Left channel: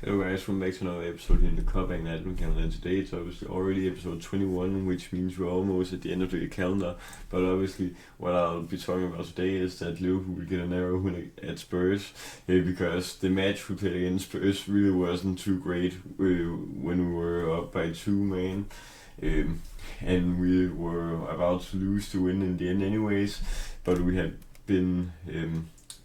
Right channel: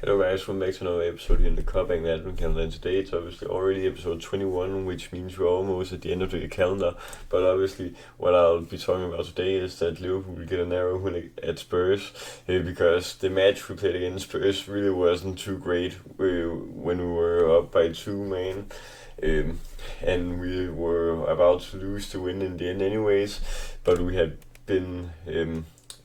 Hello guys, welcome back to another episode here in the Cup and Advent calendar. And today it's obviously already episode 21, which means we're almost at the end of the calendar. But obviously, what I'll be talking about today is that Liverpool will get a narrow win at Spurs, because the match we played against Spurs really wasn't too great when we were up by 2 man. Um, and we were about to lose the win in the end anyways, but we had been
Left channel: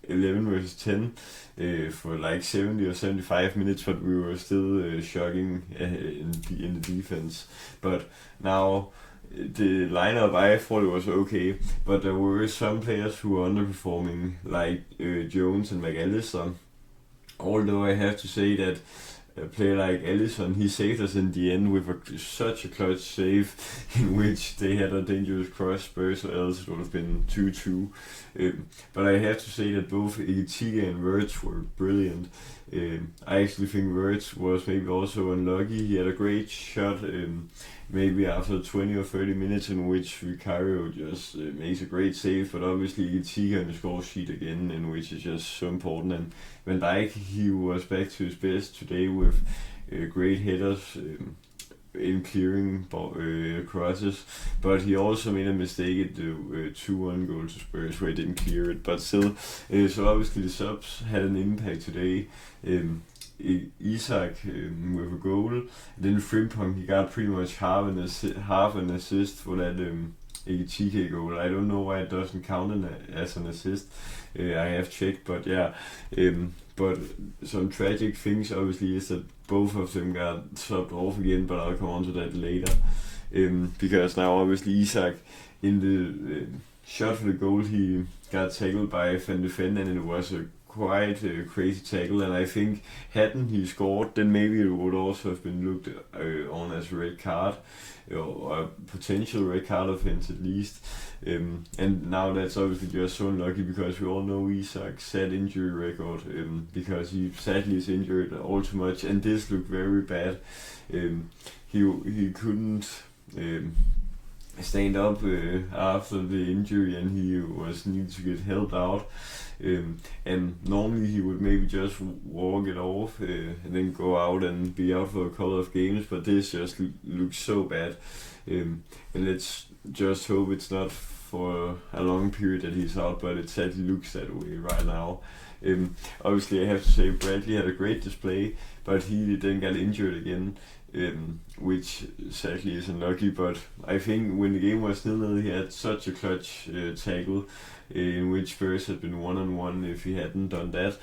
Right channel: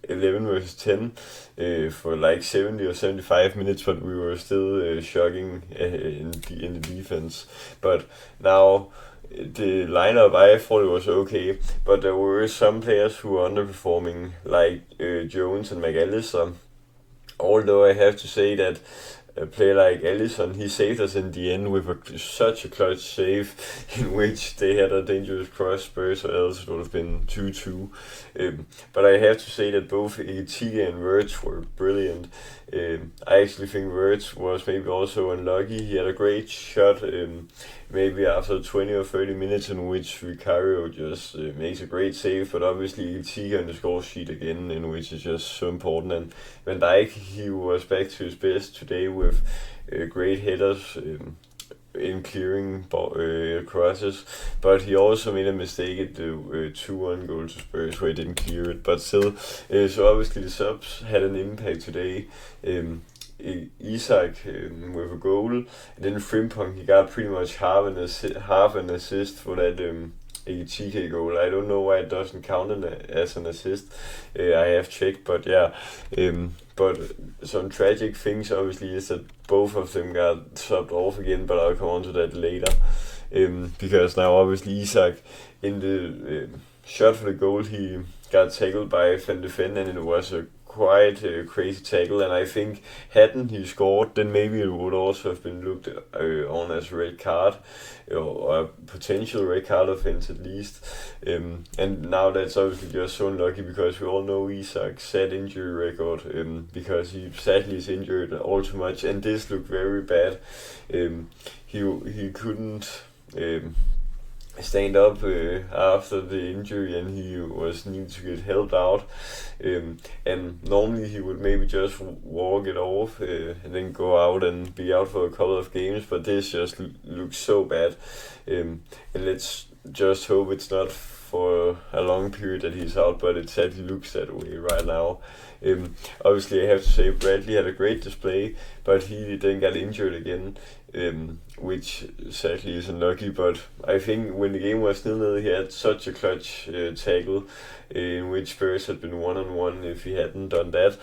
11 versus 10 for like 70 or 75 minutes, but we were still shocking in the defense. But now the lineup, I thought it was okay, but there were some players who were underperforming, like Jones and McAllister. Although I have to say that a player like Allison, he saved us in the end with such a clutch save in which they had a dangerous cross Spurs, or else it would have been 2-2. But I have to say that both Ekitike and Wirtz were brilliant. I actually think Wirtz was maybe also unlucky. He had a great shot, maybe after 20 or 30 minutes, in which Vicario just makes a great save, but obviously Ekitike on the score sheet again, in which is just so important. And Van Dijk, he was back to his best today with great headers in clearing crosses, but he also made a mistake at the 2-1 goal to Spurs where he didn't clear it, but still, so obviously the subs had an impact today. Isak with a goal, and then Frimpong, he got pretty much half an assist for that Ekitike goal. I don't know why it doesn't count as an assist. I have checked, but yeah. But some tragic things obviously is that both of them got subbed off again, but I'll come on to that later. Because now obviously Isak, in the shot for the goal, he got tackled by Van de Ven, and it was a quite crazy tackle, and I think hadn't he scored, then maybe it would also have been looked on as a red card, or a potential red card offense at least. And now that's obviously just so unlucky, because we all know Isak's sad injury record, because he sadly is injured all too much, and this looked very bad. He couldn't stand up after the injury, and he was needed to get helped out. And normally he would maybe just walk it off and then go out and be out for a couple of games, but this just looks so bad. And let's just hope it's not for a long period that he's out, but it sadly looks that way right now. Obviously, I have to say Bradley had a great display, but he then got injured again, which sadly is unlucky. But I think when the game was 0-0, he had such a clutch tackle, in which Spurs had been 1-on-1 if he hadn't done that.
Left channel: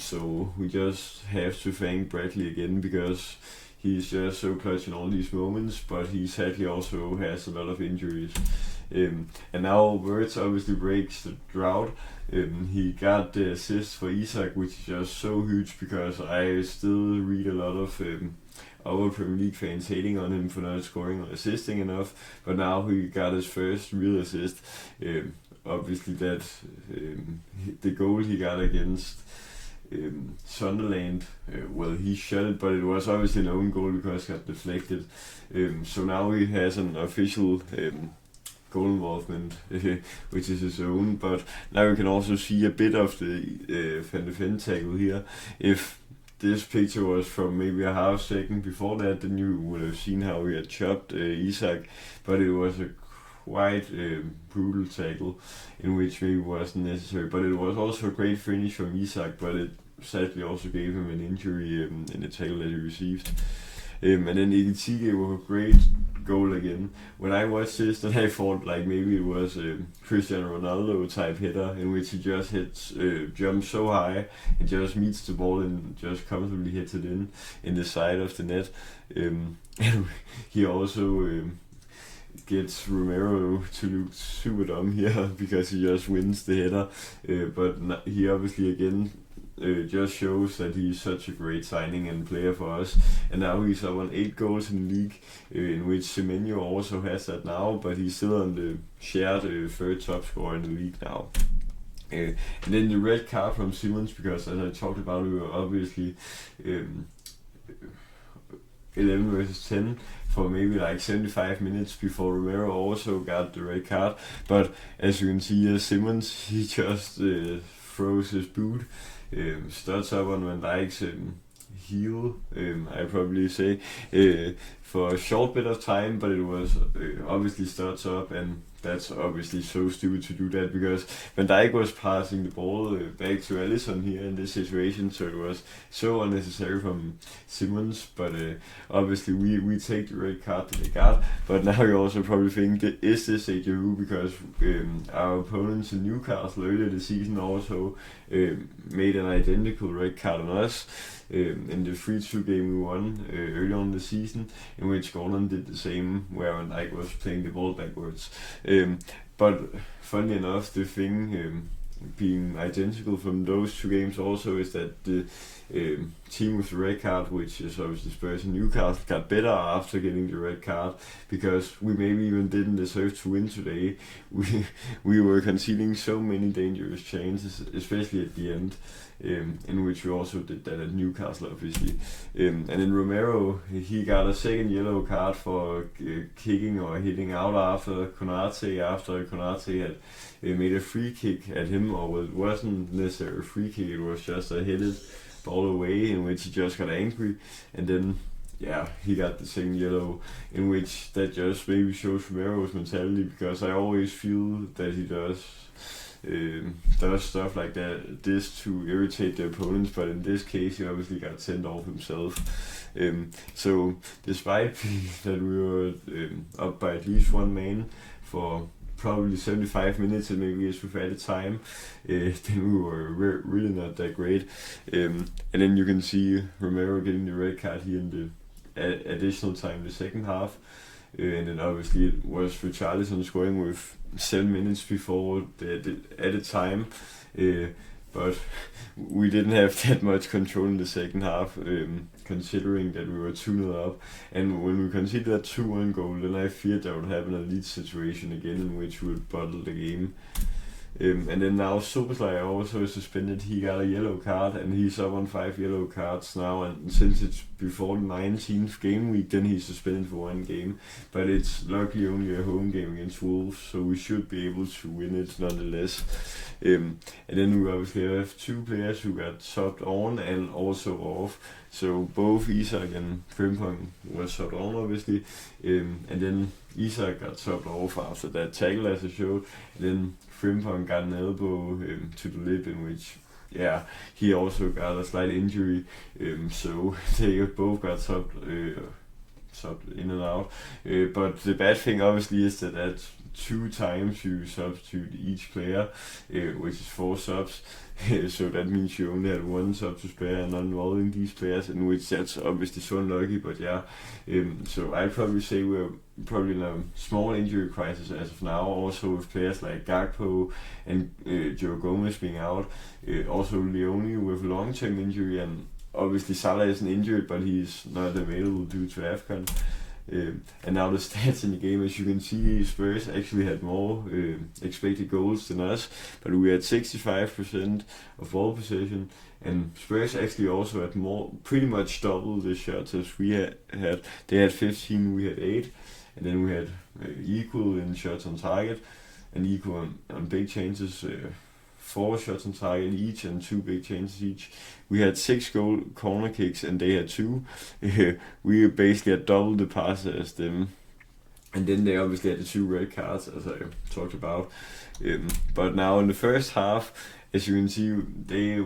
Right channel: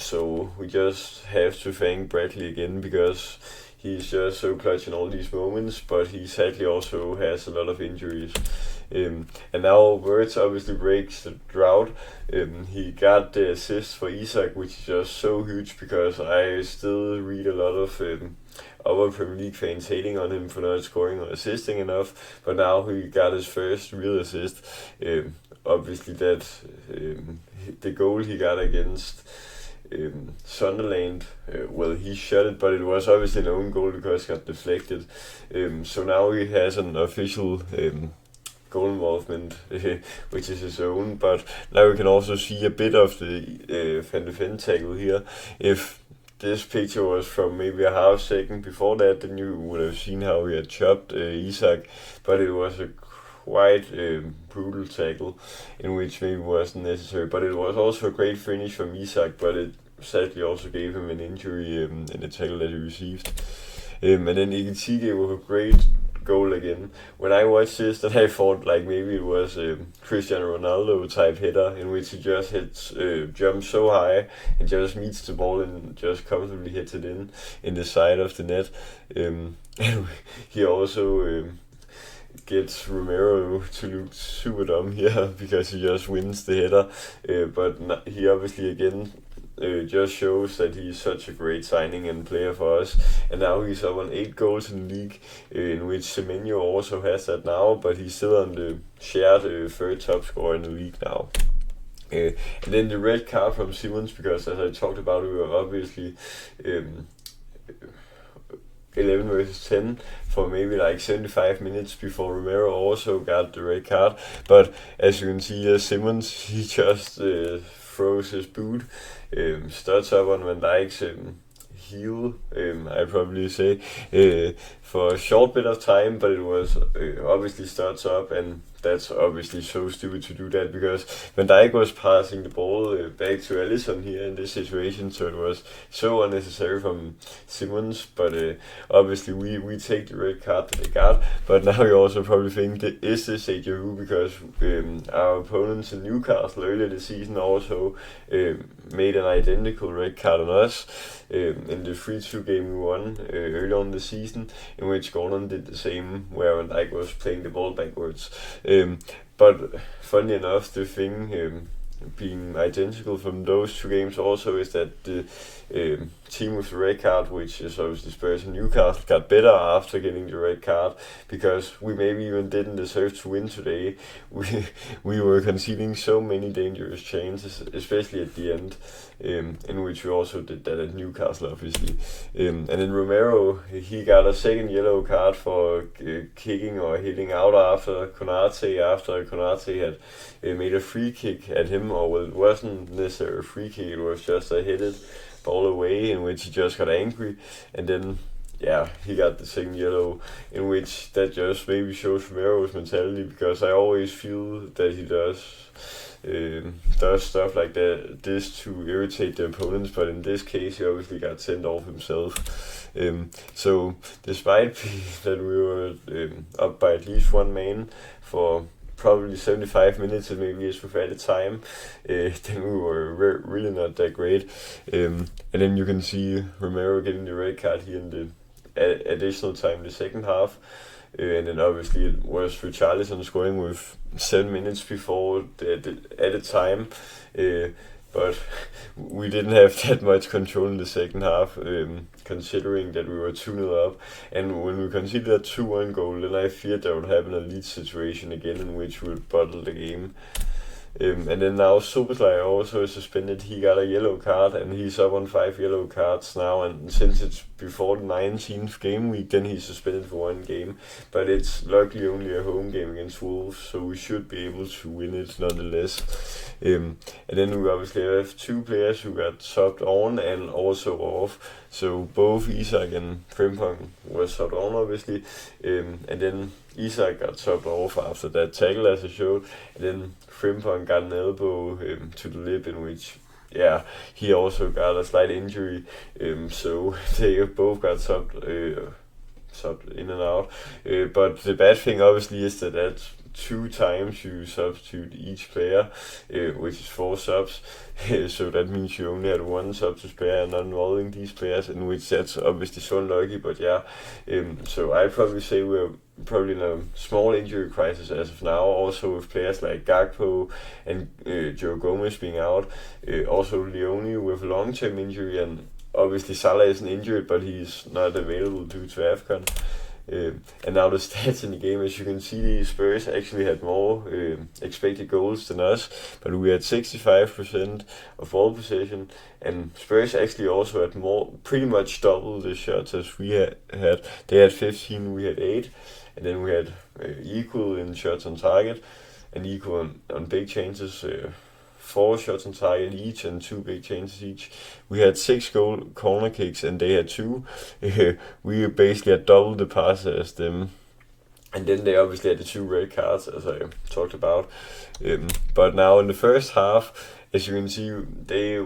So we just have to thank Bradley again, because he's just so clutch in all these moments, but he sadly also has a lot of injuries. And now Wirtz obviously breaks the drought. He got the assist for Isak, which is just so huge, because I still read a lot of other Premier League fans hating on him for not scoring or assisting enough, but now he got his first real assist. Obviously that the goal he got against Sunderland, well, he shot it, but it was obviously an own goal because it got deflected. So now he has an official goal involvement, which is his own, but now we can also see a bit of the Van de Ven tackle here. If this picture was from maybe a half second before that, then you would have seen how he had chopped Isak, but it was a quite brutal tackle, in which maybe wasn't necessary, but it was also a great finish from Isak, but it sadly also gave him an injury in the tackle that he received. And then Ekitike with a great goal again. When I watched this, then I thought like maybe it was a Cristiano Ronaldo type header, in which he just jumps so high and just meets the ball and just comfortably hits it in the side of the net. And he also gets Romero to look super dumb here because he just wins the header. But he obviously again just shows that he's such a great signing and player for us. And now he's up on 8 goals in the league, in which Semenyo also has that now, but he's still on the shared third top scorer in the league now. And then the red card from Simmons, because as I talked about, we were obviously 11 versus 10 for maybe like 75 minutes before Romero also got the red card. But as you can see, Simmons, he just throws his boot, studs up on Van Dijk's heal, I'd probably say, for a short bit of time, but it was obviously starts up, and that's obviously so stupid to do that because Van Dijk was passing the ball back to Alisson here in this situation, so it was so unnecessary from Simmons, but obviously we take the red card that they got, but now you also probably think, is this a Yahoo, because our opponents in Newcastle earlier this season also made an identical red card on us in the 3-2 game we won early on in the season, in which Gordon did the same, where Van Dijk was playing the ball backwards. But funny enough, the thing being identical from those two games also is that the team with the red card, which is obviously Spurs and Newcastle, got better after getting the red card, because we maybe even didn't deserve to win today. We were conceding so many dangerous chances, especially at the end, in which we also did that at Newcastle, obviously. And then Romero, he got a second yellow card for kicking or hitting out after Konate had made a free kick at him, or well, it wasn't necessarily a free kick, it was just a headed ball away in which he just got angry, and then he got the second yellow, in which that just maybe shows Romero's mentality, because I always feel that he does stuff like this to irritate the opponents, but in this case he obviously got sent off himself. So despite that we were up by at least one man for probably 75 minutes and maybe as we've added time, then we were really not that great. And then you can see Romero getting the red card here in the additional time, the second half. And then obviously it was Richarlison scoring with 7 minutes before the added time. But we didn't have that much control in the second half, considering that we were 2-0 up. And when we conceded that 2-1 goal, then I feared there would happen a lead situation again in which we would bottle the game. And then now Szoboszlai also is suspended. He got a yellow card, and he's up on 5 yellow cards now. And since it's before the 19th game week, then he's suspended for 1 game. But it's luckily only a home game against Wolves, so we should be able to win it nonetheless. And then we obviously have 2 players who got subbed on and also off. So both Isak and Frimpong were subbed on, obviously. And then Isak got subbed off after that tackle, as I showed. And then Frimpong got an elbow to the lip, in which he also got a slight injury. So they both got subbed in and out. But the bad thing obviously is that that's 2 times you substitute each player, which is 4 subs. So that means you only had 1 sub to spare and not involving these players, in which that's obviously so unlucky. But so I'd probably say we're probably in a small injury crisis as of now, also with players like Gakpo and Joe Gomez being out, also Leone with a long-term injury, and obviously Salah isn't injured, but he's not available due to AFCON. And now the stats in the game, as you can see, the Spurs actually had more expected goals than us, but we had 65% of ball possession, and Spurs actually also had pretty much double the shots as we had. They had 15, we had 8, and then we had equal in shots on target and equal on big chances. 4 shots on target each and 2 big chances each. We had 6 goal corner kicks and they had 2. We basically had double the passes as them. And then they obviously had the 2 red cards, as I talked about. But now in the first half, as you can see, they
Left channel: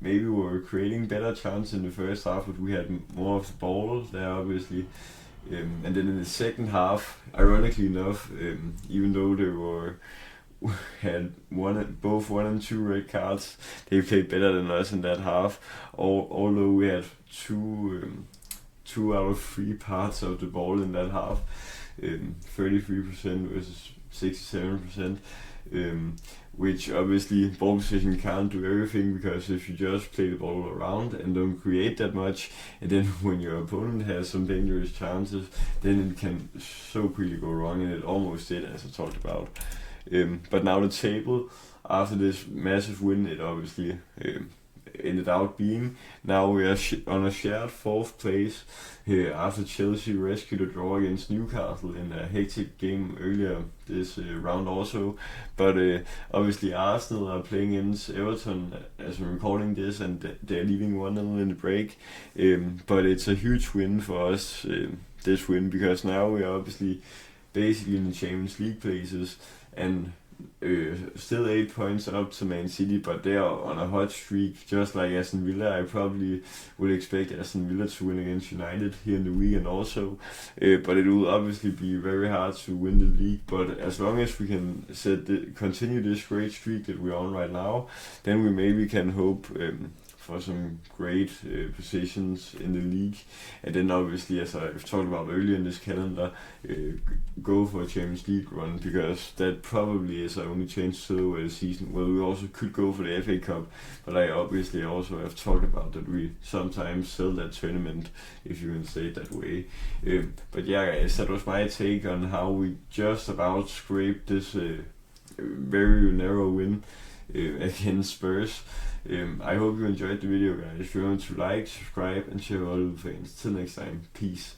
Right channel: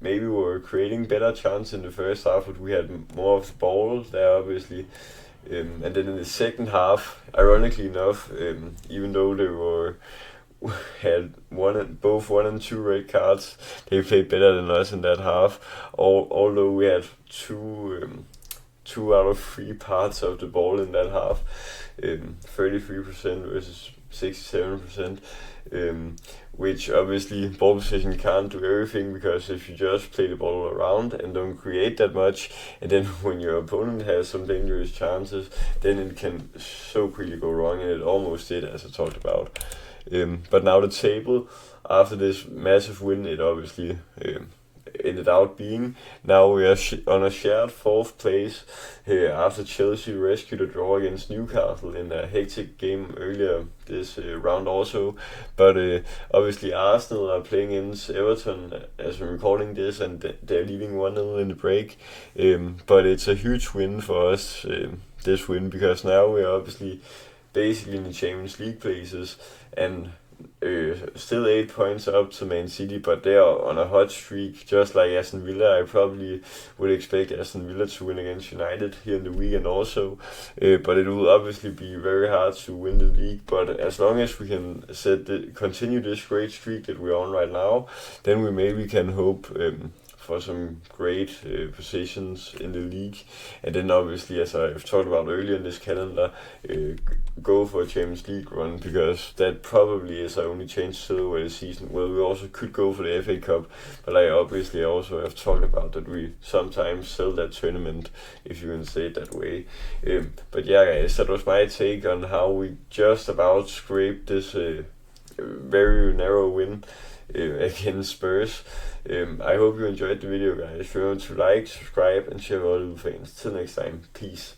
maybe were creating better chances in the first half, but we had more of the ball there, obviously. And then in the second half, ironically enough, even though they had both 1 and 2 red cards, they played better than us in that half. Although we had 2 out of 3 parts of the ball in that half, 33% versus 67%. Which obviously ball possession can't do everything, because if you just play the ball around and don't create that much, and then when your opponent has some dangerous chances, then it can so quickly go wrong, and it almost did, as I talked about. But now the table, after this massive win, it obviously ended out being. Now we are on a shared fourth place after Chelsea rescued a draw against Newcastle in a hectic game earlier this round also. But obviously Arsenal are playing against Everton as we're recording this, and they're leading 1-0 in the break. But it's a huge win for us, this win, because now we're obviously basically in the Champions League places, and still 8 points up to Man City, but they are on a hot streak, just like Aston Villa. I probably would expect Aston Villa to win against United here in the weekend also, but it will obviously be very hard to win the league. But as long as we can continue this great streak that we're on right now, then we maybe can hope for some great positions in the league, and then obviously, as I've talked about earlier in this calendar, go for a Champions League run, because that probably is our only chance to the season. Well, we also could go for the FA Cup, but I obviously also have talked about that we sometimes sell that tournament, if you can say it that way. But yeah, guys, that was my take on how we just about scraped this very narrow win against Spurs. I hope you enjoyed the video, guys. Remember to like, subscribe, and share with all the fans. Till next time, peace.